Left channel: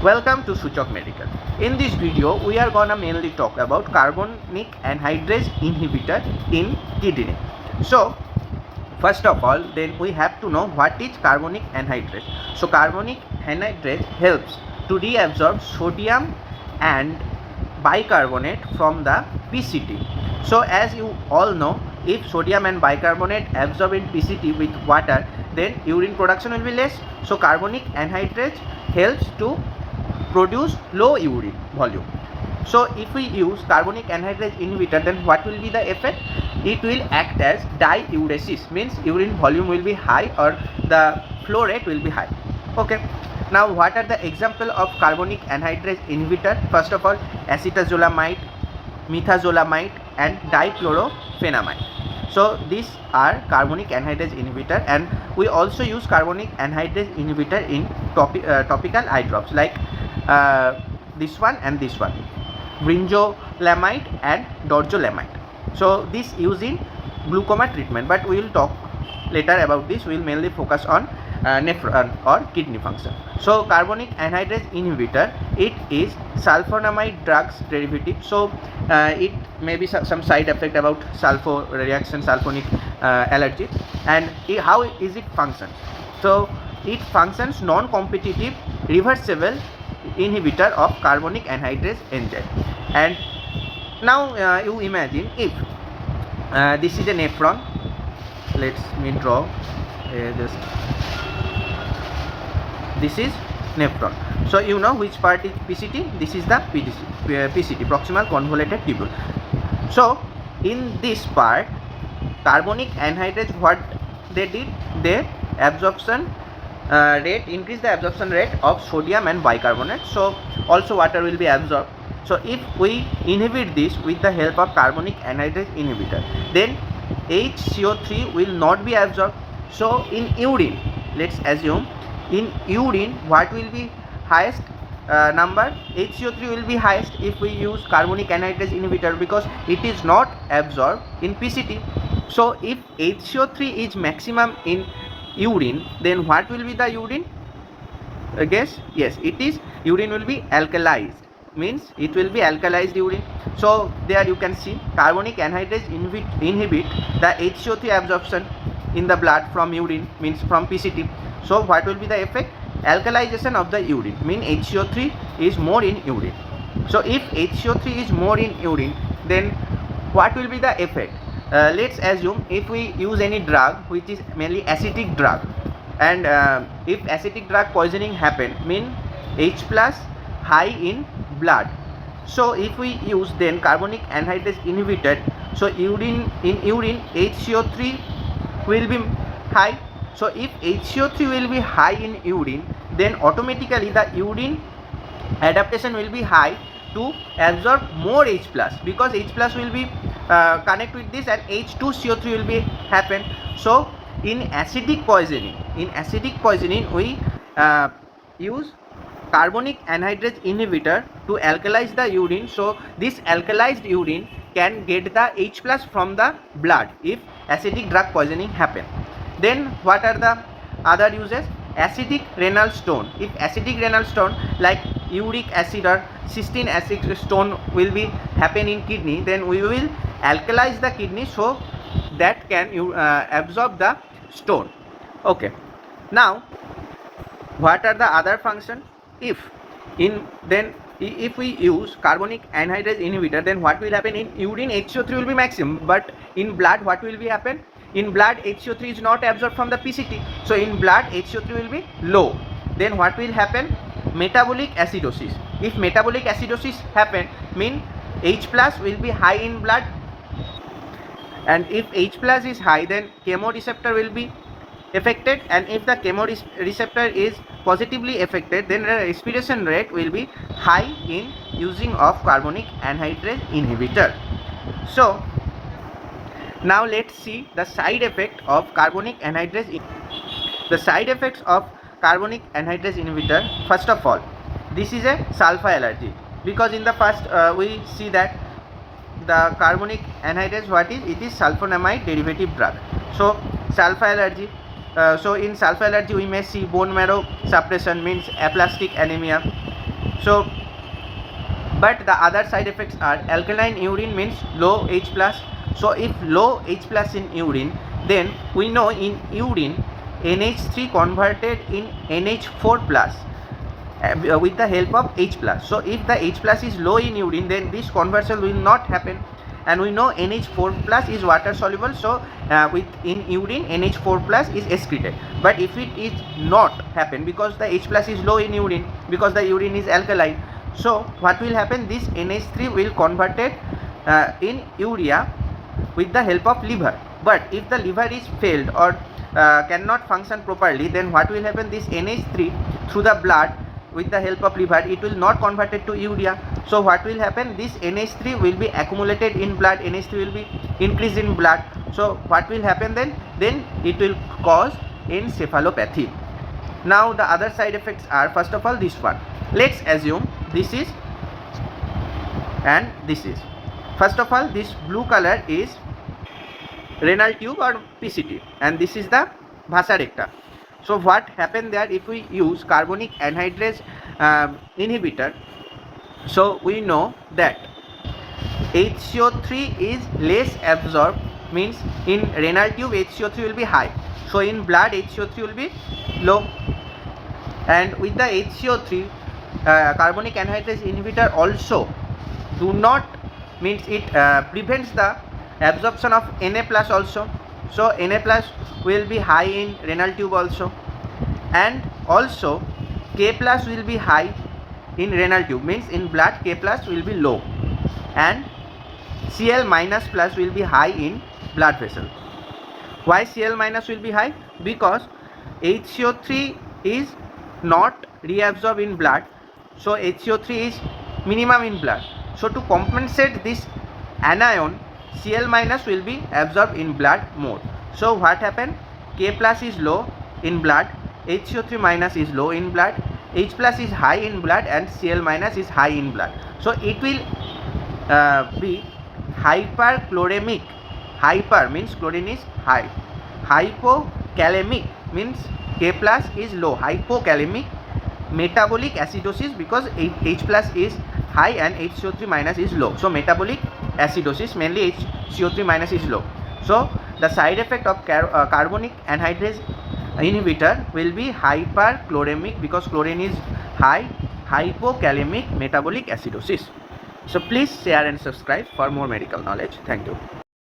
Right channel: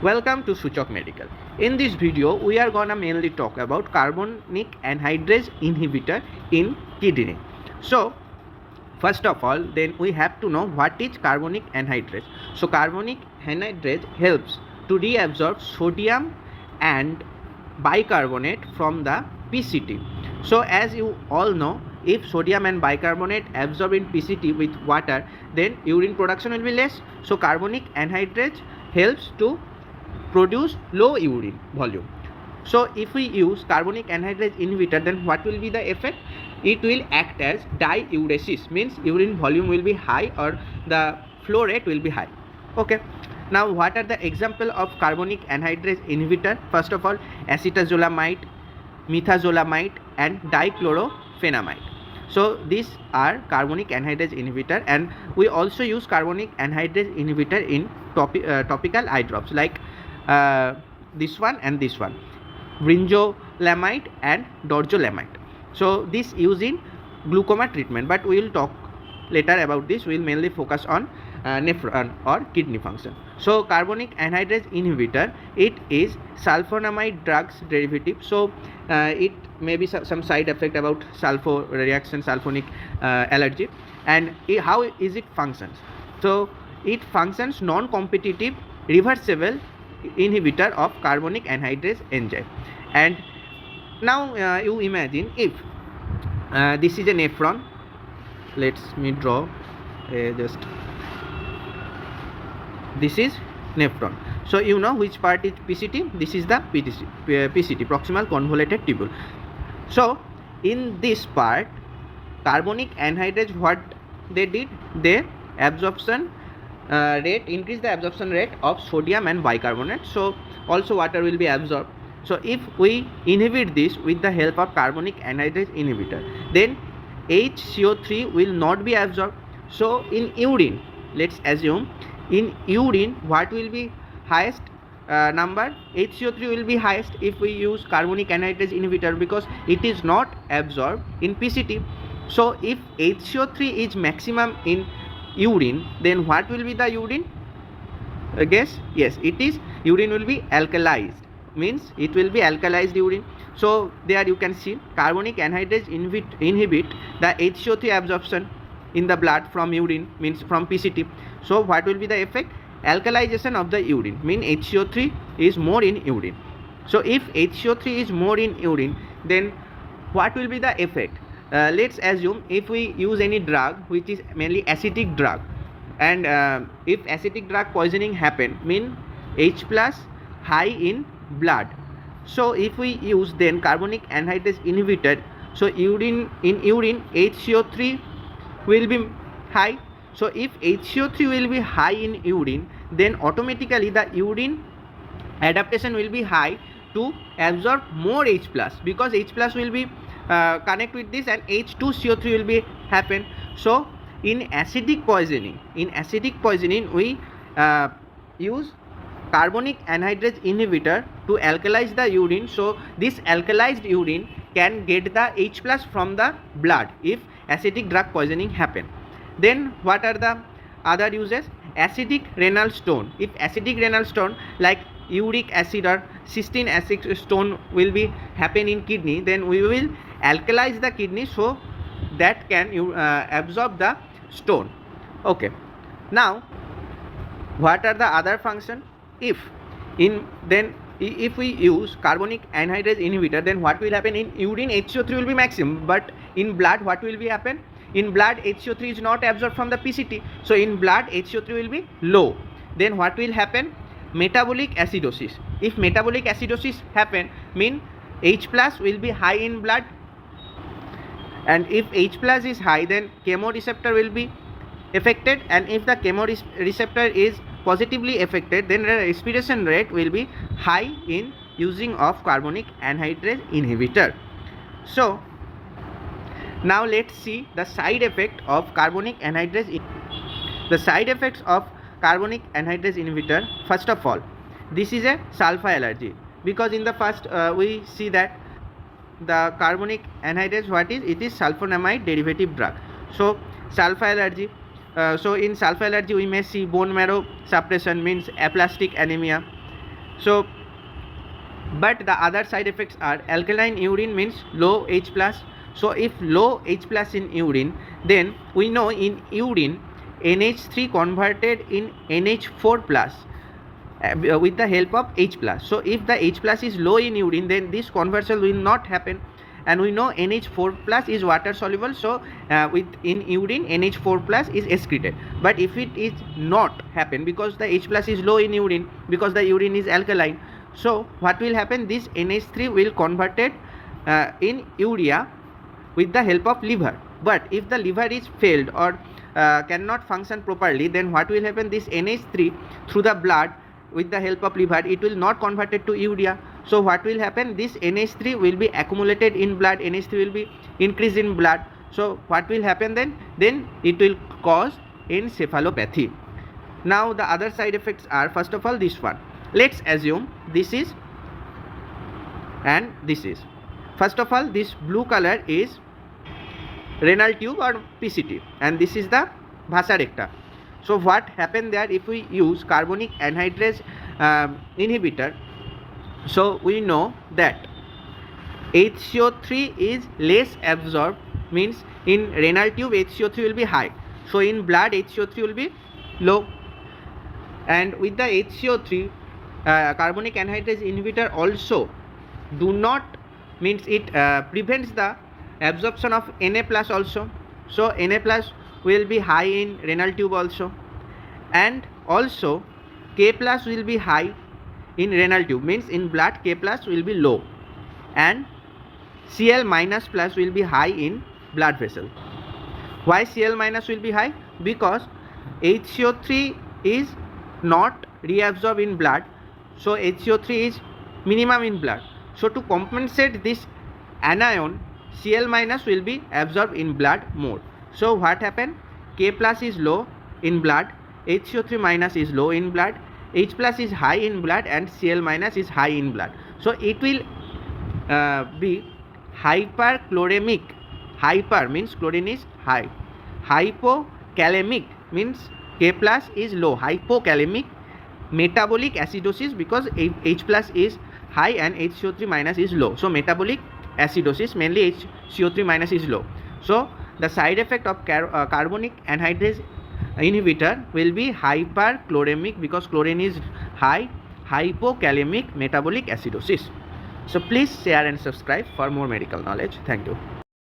Welcome to Suchok Medical. In this video, we are gonna mainly talk about carbonic anhydrase inhibitor in kidney. So, first of all, then we have to know what is carbonic anhydrase. So, carbonic anhydrase helps to reabsorb sodium and bicarbonate from the PCT. So, as you all know, if sodium and bicarbonate absorb in PCT with water, then urine production will be less. So, carbonic anhydrase helps to produce low urine volume. So if we use carbonic anhydrase inhibitor, then what will be the effect? It will act as diuresis, means urine volume will be high or the flow rate will be high. Okay. Now what are the example of carbonic anhydrase inhibitor? First of all, acetazolamide, methazolamide and dichlorphenamide. So these are carbonic anhydrase inhibitor, and we also use carbonic anhydrase inhibitor in topical eye drops like this one and this one, brinzolamide and dorzolamide. So this used in glaucoma treatment, but we will talk later about this. We will mainly focus on nephron or kidney function. So carbonic anhydrase inhibitor, it is sulfonamide drugs derivative. So it may be some side effect about sulfur reaction, sulfonic allergy. And how is it functions? So it functions non-competitive reversible inhibitor of carbonic anhydrase enzyme. And now you imagine if this is a nephron. Let me draw just this is nephron. So you know which part is PCT. This is the PCT, proximal convoluted tubule. So in this part, carbonic anhydrase, what they did, they absorption rate, increase the absorption rate of sodium and bicarbonate. So also water will be absorbed. So if we inhibit this with the help of carbonic anhydrase inhibitor, then HCO3 will not be absorbed. So in urine, let's assume in urine what will be highest number? HCO3 will be highest if we use carbonic anhydrase inhibitor, because it is not absorbed in PCT. So if HCO3 is maximum in urine, then what will be the urine? Guess? Yes, it is urine will be alkalized, means it will be alkalized urine. So there you can see carbonic anhydrase inhibit the HCO3 absorption in the blood from urine, means from PCT. So what will be the effect? Alkalization of the urine, mean HCO3 is more in urine. So if HCO3 is more in urine, then what will be the effect? Let's assume if we use any drug which is mainly acidic drug, and if acidic drug poisoning happen, mean H plus high in blood. So if we use then carbonic anhydrase inhibitor, so urine HCO3 will be high. So if HCO3 will be high in urine, then automatically the urine adaptation will be high to absorb more H plus, because H plus will be connect with this and H2CO3 will be happen. So in acidic poisoning we use carbonic anhydrase inhibitor to alkalize the urine. So this alkalized urine can get the H plus from the blood if acidic drug poisoning happen. Then what are the other uses? Acidic renal stone. If acidic renal stone like uric acid or cysteine acid stone will be happen in kidney, then we will alkalize the kidney so that can absorb the stone. Okay. Now what are the other function? If we use carbonic anhydrase inhibitor, then what will happen? In urine HCO3 will be maximum, but in blood what will be happen? In blood HCO3 is not absorbed from the PCT, so in blood HCO3 will be low. Then what will happen? Metabolic acidosis. If metabolic acidosis happen, mean H plus will be high in blood, and if H plus is high, then chemoreceptor will be affected, and if the chemoreceptor is positively affected, then the respiration rate will be high in using of carbonic anhydrase inhibitor. So now let's see the side effect of carbonic anhydrase. The side effects of carbonic anhydrase inhibitor, first of all, this is a sulfur allergy, because in the first we see that the carbonic anhydrase, what is it? Is sulfonamide derivative drug. So sulfur allergy, So in sulfur allergy we may see bone marrow suppression, means aplastic anemia, So but the other side effects are alkaline urine means low H plus. So if low H plus in urine, then we know in urine NH3 converted in NH4 plus with the help of H plus. So if the H plus is low in urine, then this conversion will not happen, and we know NH4 plus is water soluble, so in urine NH4 plus is excreted. But if it is not happen because the H plus is low in urine, because the urine is alkaline, so what will happen, this NH3 will converted in urea with the help of liver. But if the liver is failed or cannot function properly, then what will happen, this NH3 through the blood with the help of liver, it will not converted to urea. So what will happen, this NH3 will be accumulated in blood, NH3 will be increased in blood. So what will happen then it will cause encephalopathy. Now the other side effects are, first of all, this one. Let's assume this is and this is. First of all, this blue color is renal tube or PCT, and this is the vasa recta. So what happened there, if we use carbonic anhydrase inhibitor, so we know that HCO3 is less absorbed, means in renal tube HCO3 will be high, so in blood HCO3 will be low. And with the HCO3, carbonic anhydrase inhibitor also do not, means it prevents the absorption of Na plus also. So Na plus will be high in renal tube also, and also K plus will be high in renal tube, means in blood K plus will be low, and Cl minus plus will be high in blood vessel. Why Cl minus will be high? Because HCO3 is not reabsorbed in blood, so HCO3 is minimum in blood. So to compensate this anion, Cl minus will be absorbed in blood more. So what happened? K plus is low in blood, HCO3 minus is low in blood, H plus is high in blood, and Cl minus is high in blood. So it will be hyperchloremic. Hyper means chlorine is high. Hypokalemic means K plus is low. Hypokalemic. Metabolic acidosis, because H plus is high and HCO3 minus is low. So metabolic acidosis, mainly HCO3 minus is low. So the side effect of carbonic anhydrase inhibitor will be hyperchloremic, because chlorine is high. Hypokalemic, metabolic acidosis. So please share and subscribe for more medical knowledge. Thank you.